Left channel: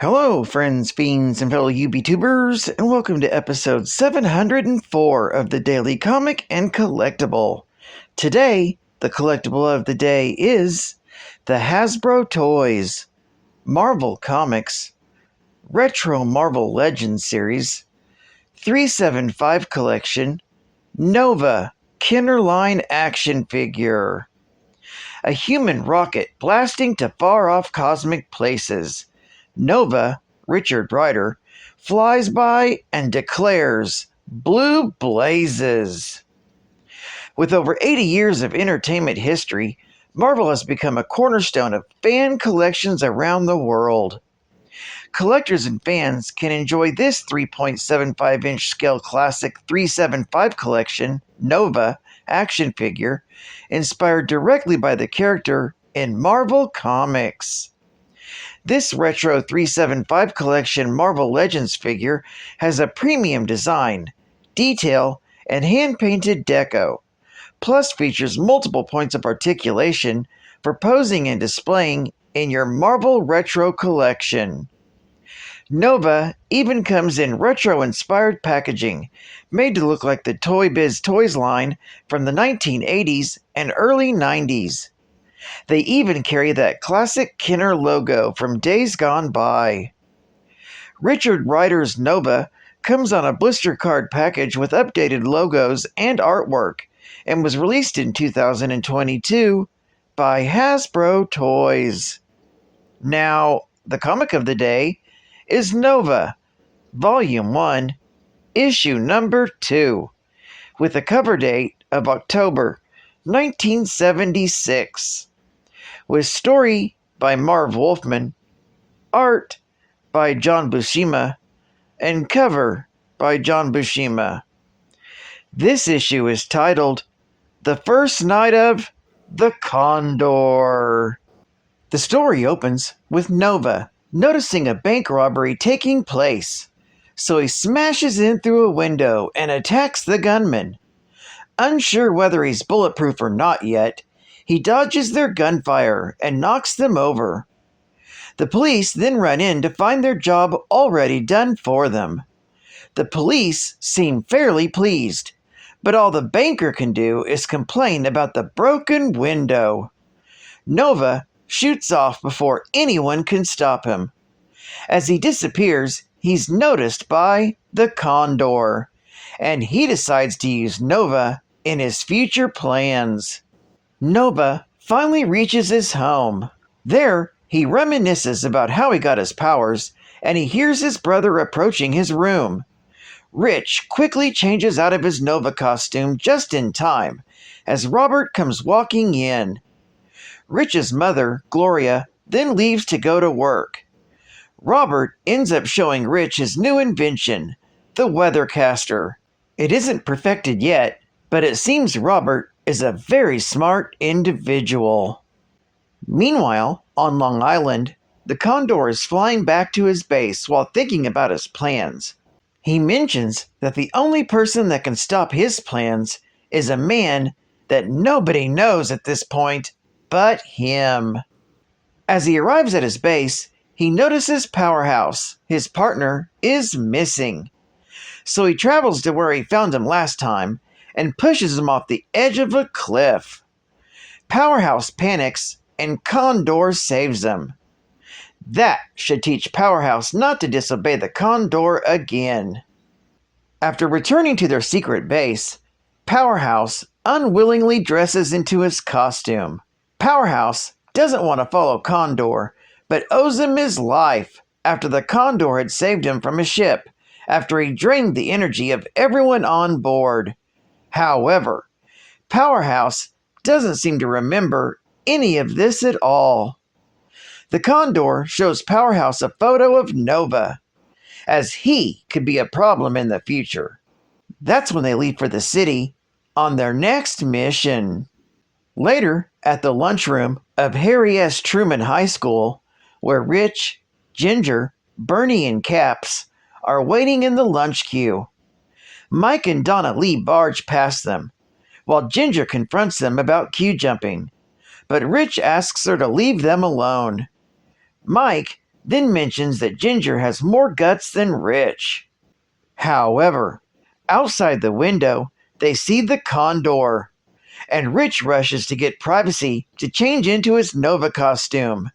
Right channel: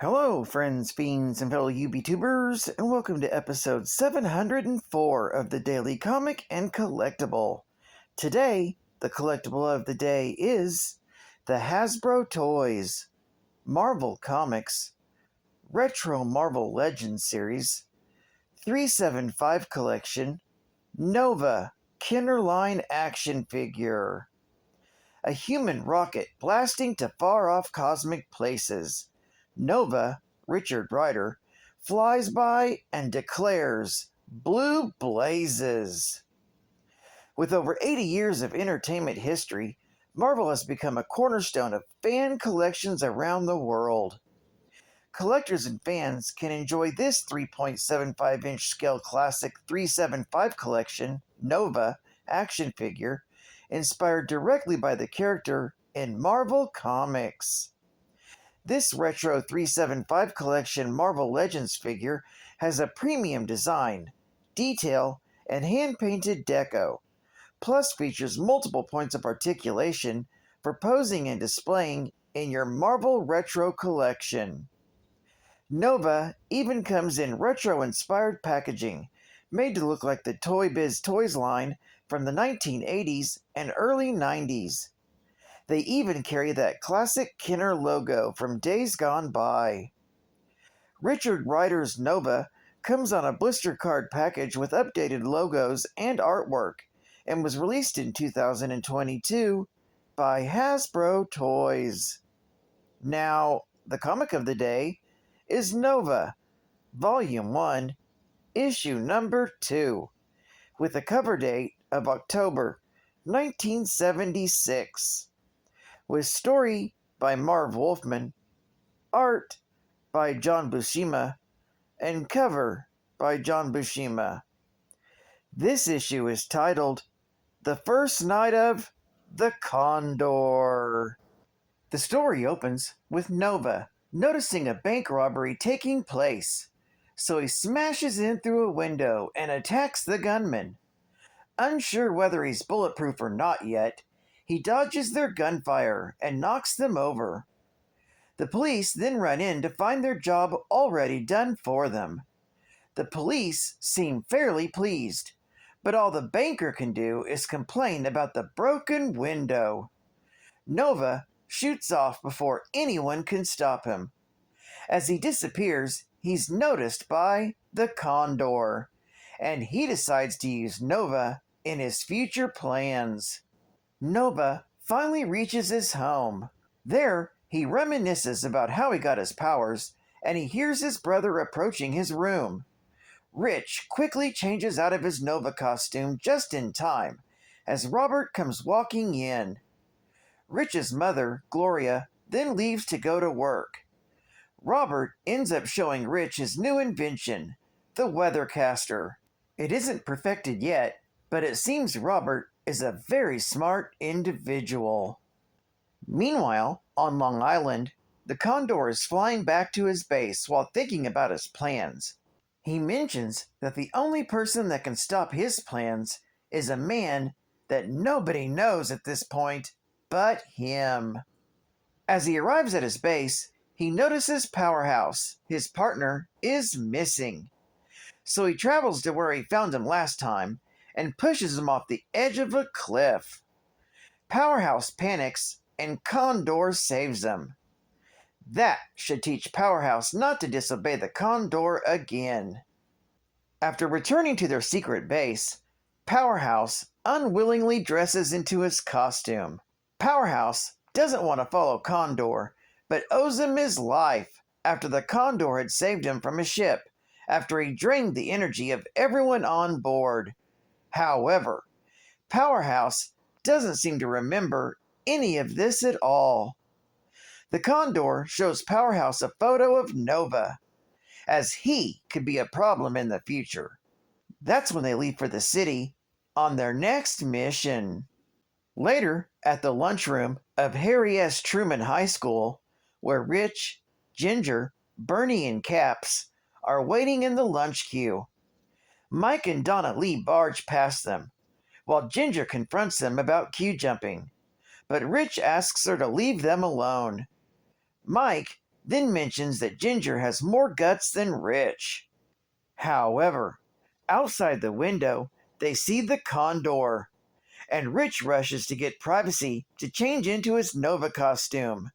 Hello, friends, fiends, and fellow UBTubers, and welcome to episode 704 of the Daily Comic and Collectible. Today, the collectible of the day is the Hasbro Toys, Marvel Comics, Retro Marvel Legends Series, 375 Collection, Nova Kinderline Action Figure. A human rocket blasting to far-off cosmic places. Nova, Richard Rider, flies by and declares, "Blue blazes." With over 80 years of entertainment history, Marvel has become a cornerstone of fan collections around the world. Collectors and fans can enjoy this 3.75-inch scale classic 375 collection, Nova, action figure, inspired directly by the character in Marvel Comics. This retro 375 collection Marvel Legends figure has a premium design, detail, and hand-painted deco, plus features multiple points of articulation for posing and displaying in your Marvel Retro collection. Nova even comes in retro-inspired packaging, made to look like the Toy Biz Toys line from the 1980s and early 90s. They even carry that classic Kenner logo from days gone by. Richard Rider's Nova comes on a blister card package with updated logos and artwork, and was released in 2022 by Hasbro Toys. Now, the comic of the day is Nova, Volume 1, Issue Number 2, with a cover date of October 1976. With story by Marv Wolfman, art by John Buscema, and cover by John Buscema. This issue is titled The First Night of the Condor. The story opens with Nova noticing a bank robbery taking place, so he smashes in through a window and attacks the gunman. Unsure whether he's bulletproof or not yet, he dodges their gunfire and knocks them over. The police then run in to find their job already done for them. The police seem fairly pleased, but all the banker can do is complain about the broken window. Nova shoots off before anyone can stop him. As he disappears, he's noticed by the Condor, and he decides to use Nova in his future plans. Nova finally reaches his home. There, he reminisces about how he got his powers, and he hears his brother approaching his room. Rich quickly changes out of his Nova costume just in time, as Robert comes walking in. Rich's mother, Gloria, then leaves to go to work. Robert ends up showing Rich his new invention, the Weathercaster. It isn't perfected yet, but it seems Robert is a very smart individual. Meanwhile, on Long Island, the Condor is flying back to his base while thinking about his plans. He mentions that the only person that can stop his plans is a man that nobody knows at this point but him. As he arrives at his base, he notices Powerhouse, his partner, is missing. So he travels to where he found him last time and pushes him off the edge of a cliff. Powerhouse panics and Condor saves him. That should teach Powerhouse not to disobey the Condor again. After returning to their secret base, Powerhouse unwillingly dresses into his costume. Powerhouse doesn't want to follow Condor, but owes him his life after the Condor had saved him from a ship after he drained the energy of everyone on board. However, Powerhouse doesn't seem to remember any of this at all. The Condor shows Powerhouse a photo of Nova, as he could be a problem in the future. That's when they leave for the city on their next mission. Later, at the lunchroom of Harry S. Truman High School, where Rich, Ginger, Bernie, and Caps are waiting in the lunch queue. Mike and Donna Lee barge past them, while Ginger confronts them about queue jumping, but Rich asks her to leave them alone. Mike then mentions that Ginger has more guts than Rich. However, outside the window, they see the condor, and Rich rushes to get privacy to change into his Nova costume,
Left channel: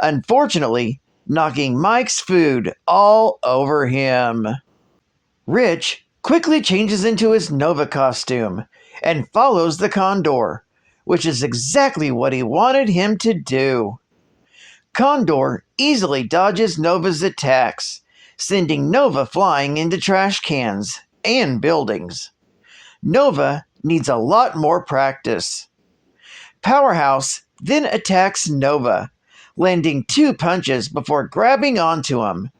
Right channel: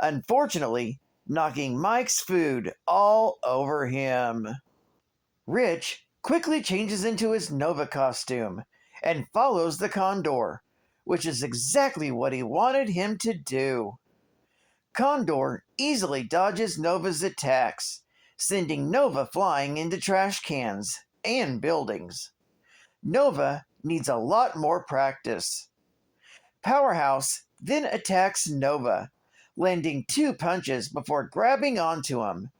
unfortunately knocking Mike's food all over him. Rich quickly changes into his Nova costume and follows the condor, which is exactly what he wanted him to do. Condor easily dodges Nova's attacks, sending Nova flying into trash cans and buildings. Nova needs a lot more practice. Powerhouse then attacks Nova, landing 2 punches before grabbing onto him.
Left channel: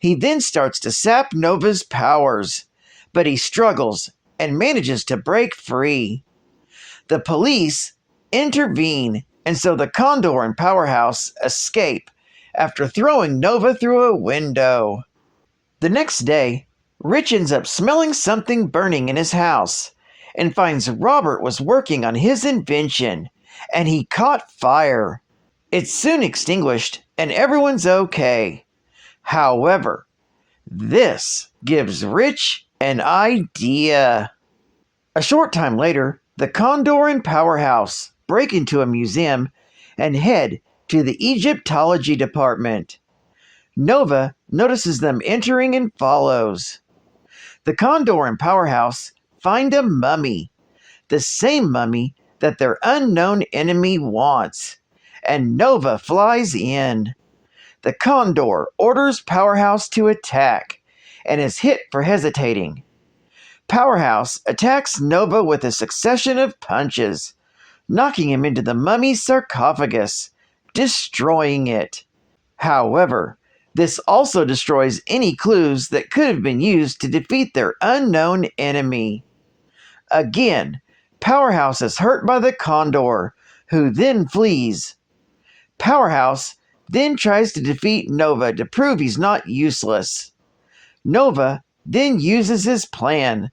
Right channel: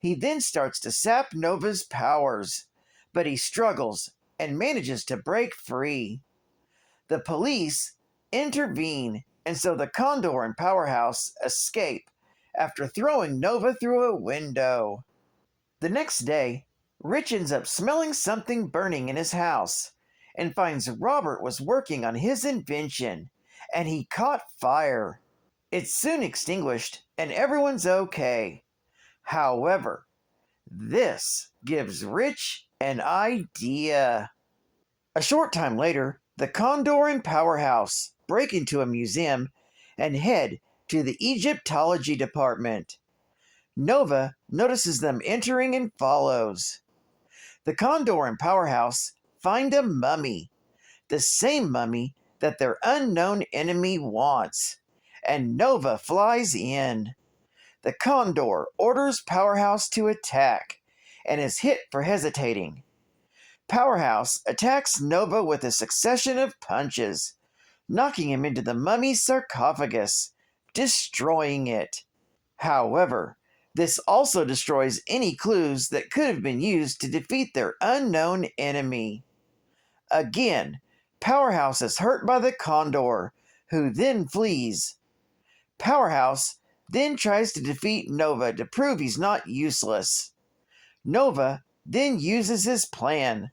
He then starts to sap Nova's powers, but he struggles and manages to break free. The police intervene, and so the Condor and Powerhouse escape after throwing Nova through a window. The next day, Rich ends up smelling something burning in his house and finds Robert was working on his invention, and he caught fire. It's soon extinguished, and everyone's okay. However, this gives Rich an idea. A short time later, the Condor and Powerhouse break into a museum and head to the Egyptology department. Nova notices them entering and follows. The Condor and Powerhouse find a mummy, the same mummy that their unknown enemy wants, and Nova flies in. The Condor orders Powerhouse to attack and is hit for hesitating. Powerhouse attacks Nova with a succession of punches, knocking him into the mummy's sarcophagus, destroying it. However, this also destroys any clues that could have been used to defeat their unknown enemy. Again, Powerhouse is hurt by the Condor, who then flees. Powerhouse then tries to defeat Nova to prove he's not useless. Nova then uses his plan,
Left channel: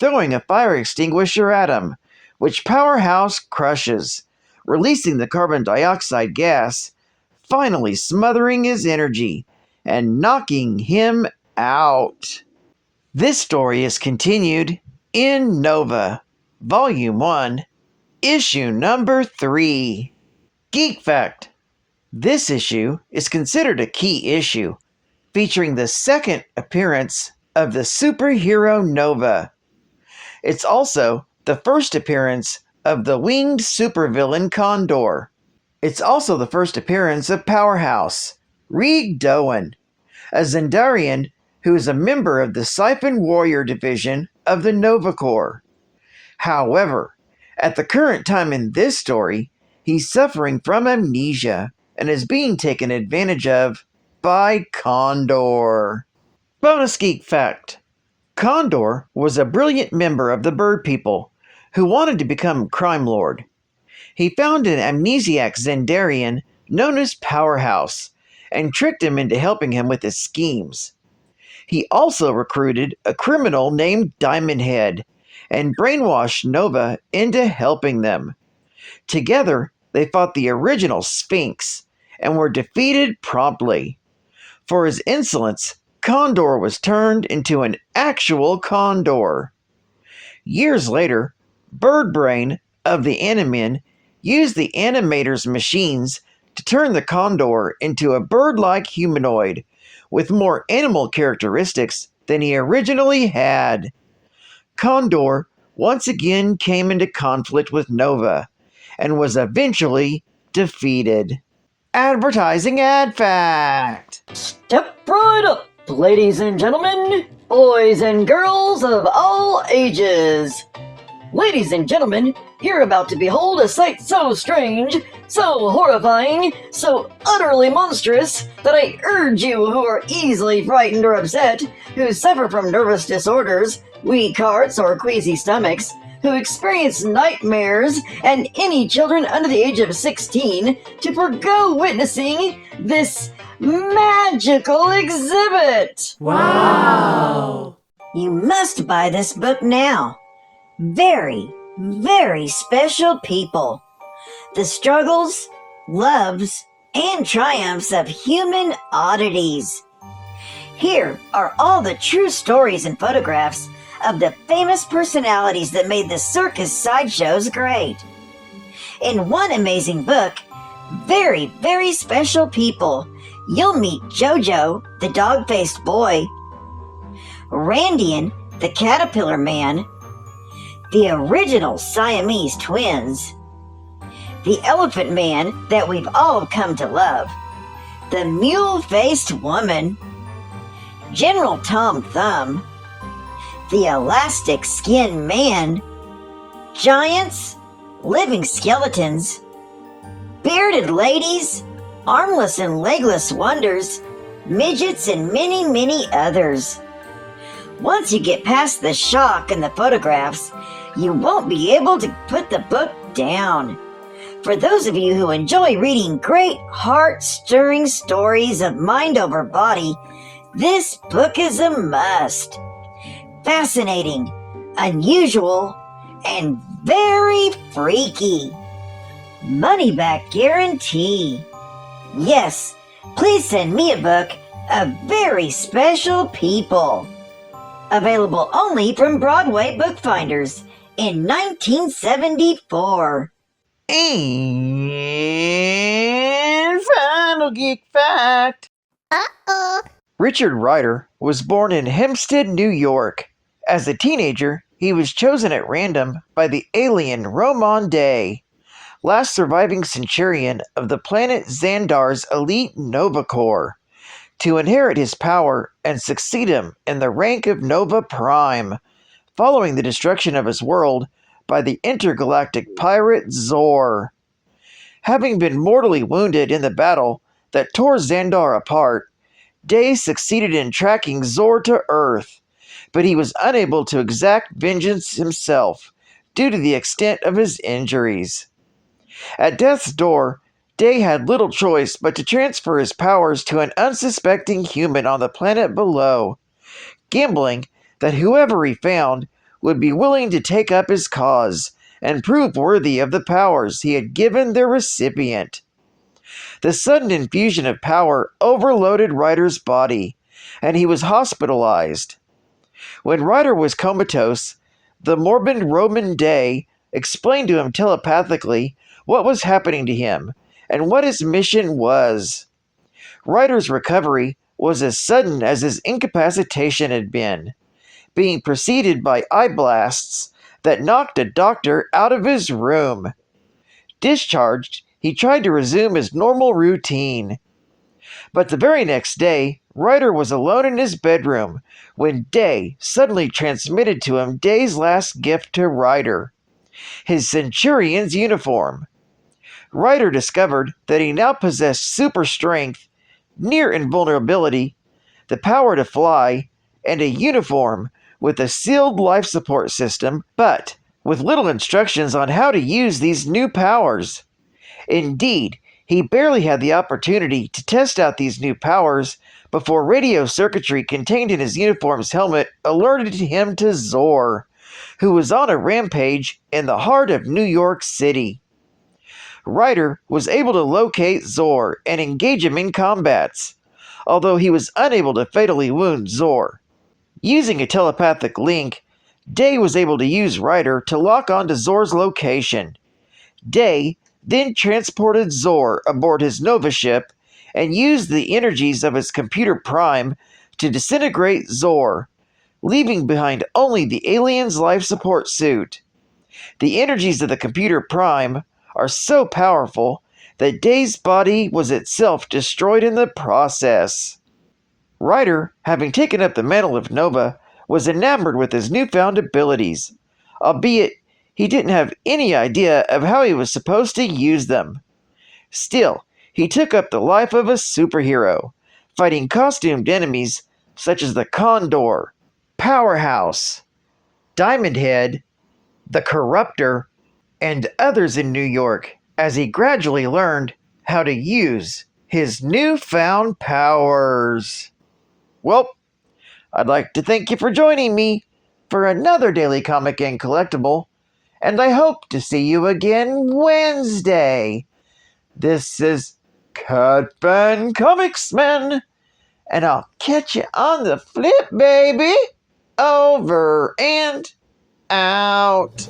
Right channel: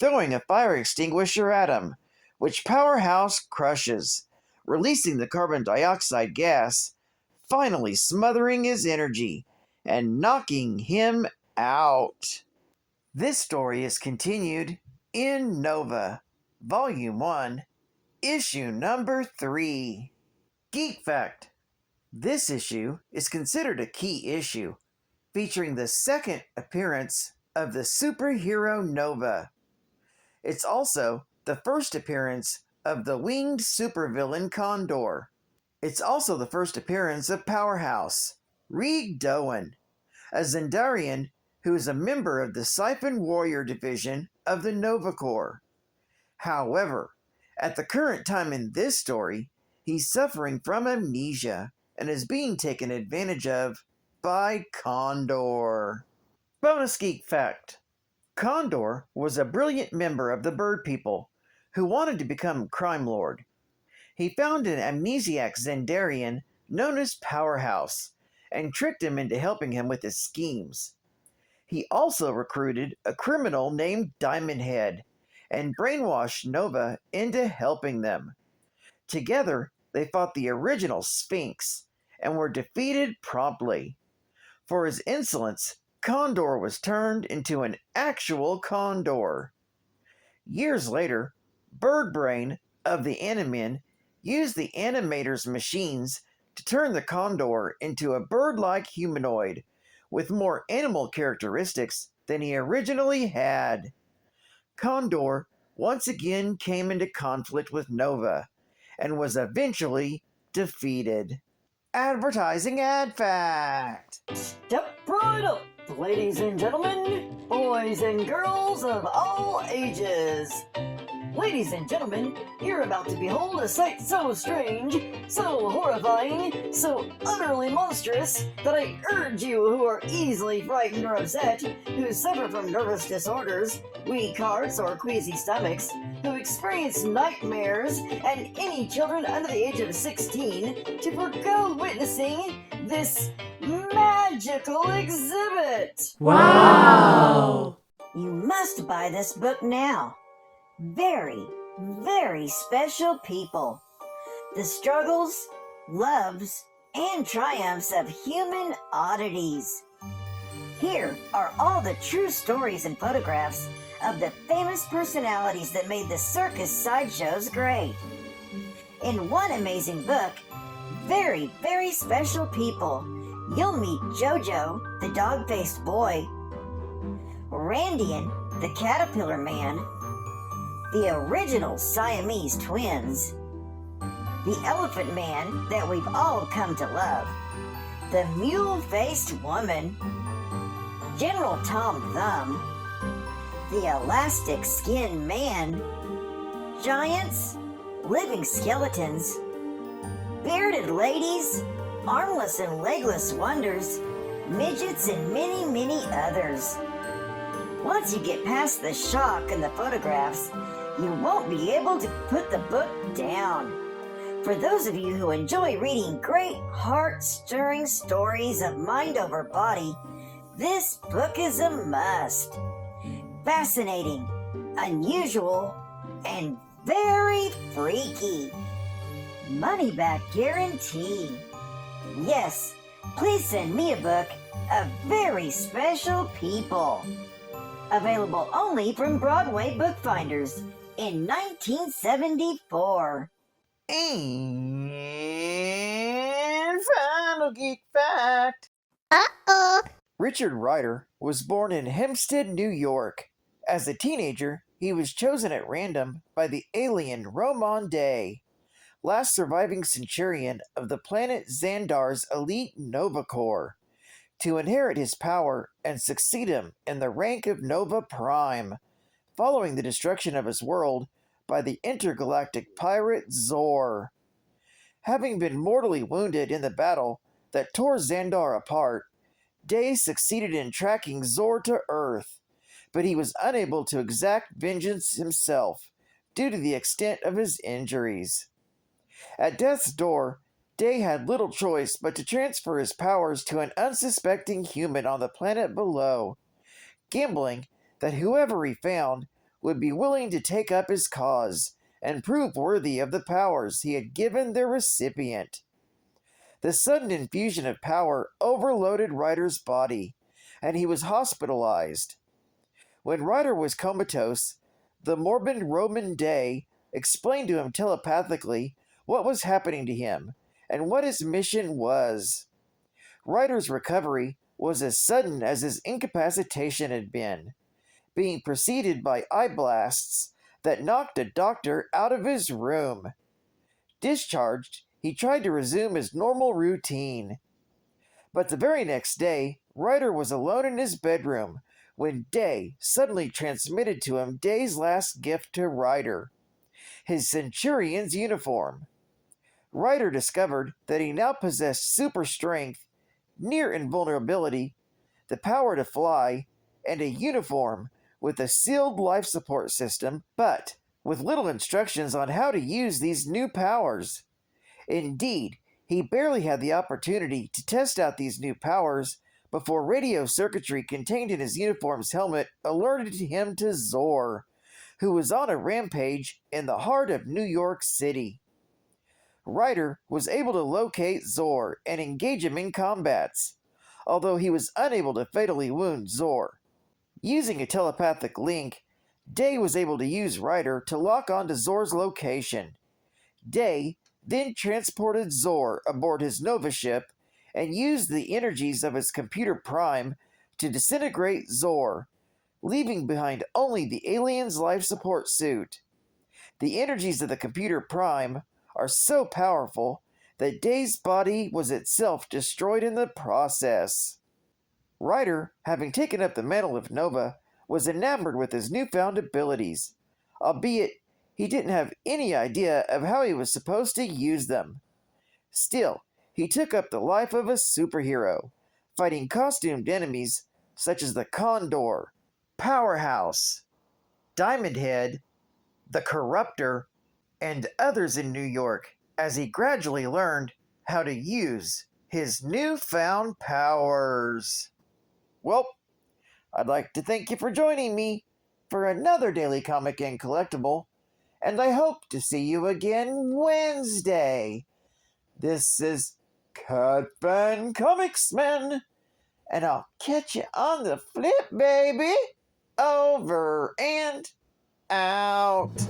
throwing a fire extinguisher at him, which Powerhouse crushes, releasing the carbon dioxide gas, finally smothering his energy and knocking him out. This story is continued in Nova, Volume 1, Issue Number 3. Geek Fact: this issue is considered a key issue, featuring the second appearance of the superhero Nova. It's also the first appearance of the winged supervillain Condor. It's also the first appearance of Powerhouse, Reed Doan, a Zendarian who is a member of the Siphon Warrior Division of the Nova Corps. However, at the current time in this story, he's suffering from amnesia and is being taken advantage of by Condor. Bonus Geek Fact: Condor was a brilliant member of the Bird People who wanted to become crime lord. He found an amnesiac Zendarian known as Powerhouse and tricked him into helping him with his schemes. He also recruited a criminal named Diamond Head and brainwashed Nova into helping them. Together, they fought the original Sphinx and were defeated promptly. For his insolence, Condor was turned into an actual condor. Years later, Birdbrain of the Animin used the animator's machines to turn the Condor into a bird-like humanoid with more animal characteristics than he originally had. Condor once again came into conflict with Nova and was eventually defeated. Advertising Ad Fact: Step right up, ladies and gentlemen, boys and girls of all ages. Ladies and gentlemen, you're about to behold a sight so strange, so horrifying, so utterly monstrous, that I urge you who are easily frightened or upset, who suffer from nervous disorders, weak hearts, or queasy stomachs, who experience nightmares, and any children under the age of 16 to forgo witnessing this magical exhibit. Wow! You must buy this book now. Very, very special people. The struggles, loves, and triumphs of human oddities. Here are all the true stories and photographs of the famous personalities that made the circus sideshows great. In one amazing book, Very, Very Special People, you'll meet Jojo, the dog-faced boy, Randian, the caterpillar man, the original Siamese twins, the elephant man that we've all come to love, the mule-faced woman, General Tom Thumb, the elastic skin man, giants, living skeletons, bearded ladies, armless and legless wonders, midgets, and many, many others. Once you get past the shock and the photographs, you won't be able to put the book down. For those of you who enjoy reading great, heart-stirring stories of mind over body, this book is a must. Fascinating, unusual, and very freaky. Money back guarantee. Yes, please send me a book of Very Special People. Available only from Broadway Bookfinders in 1974. And final geek fact. Richard Ryder was born in Hempstead, New York. As a teenager, he was chosen at random by the alien Roman Day, last surviving Centurion of the planet Xandar's elite Nova Corps, to inherit his power and succeed him in the rank of Nova Prime, following the destruction of his world by the intergalactic pirate Zor. Having been mortally wounded in the battle that tore Xandar apart, Day succeeded in tracking Zor to Earth, but he was unable to exact vengeance himself due to the extent of his injuries. At death's door, Day had little choice but to transfer his powers to an unsuspecting human on the planet below, gambling that whoever he found would be willing to take up his cause and prove worthy of the powers he had given their recipient. The sudden infusion of power overloaded Ryder's body, and he was hospitalized. When Ryder was comatose, the morbid Roman Day explained to him telepathically what was happening to him and what his mission was. Ryder's recovery was as sudden as his incapacitation had been, being preceded by eye blasts that knocked a doctor out of his room. Discharged, he tried to resume his normal routine. But the very next day, Ryder was alone in his bedroom when Day suddenly transmitted to him Day's last gift to Ryder, his Centurion's uniform. Ryder discovered that he now possessed super strength, near invulnerability, the power to fly, and a uniform with a sealed life support system, but with little instructions on how to use these new powers. Indeed, he barely had the opportunity to test out these new powers before radio circuitry contained in his uniform's helmet alerted him to Zor, who was on a rampage in the heart of New York City. Ryder was able to locate Zor and engage him in combats, although he was unable to fatally wound Zor. Using a telepathic link, Day was able to use Ryder to lock onto Zor's location. Day then transported Zor aboard his Nova ship and used the energies of his computer Prime to disintegrate Zor, leaving behind only the alien's life support suit. The energies of the computer Prime are so powerful that Day's body was itself destroyed in the process. Ryder, having taken up the mantle of Nova, was enamored with his newfound abilities, albeit he didn't have any idea of how he was supposed to use them. Still, he took up the life of a superhero, fighting costumed enemies such as the Condor, Powerhouse, Diamond Head, the Corruptor, and others in New York as he gradually learned how to use his newfound powers. Well, I'd like to thank you for joining me for another Daily Comic and Collectible, and I hope to see you again Wednesday. This is Cut Fun Comics Man, and I'll catch you on the flip, baby. Over and out.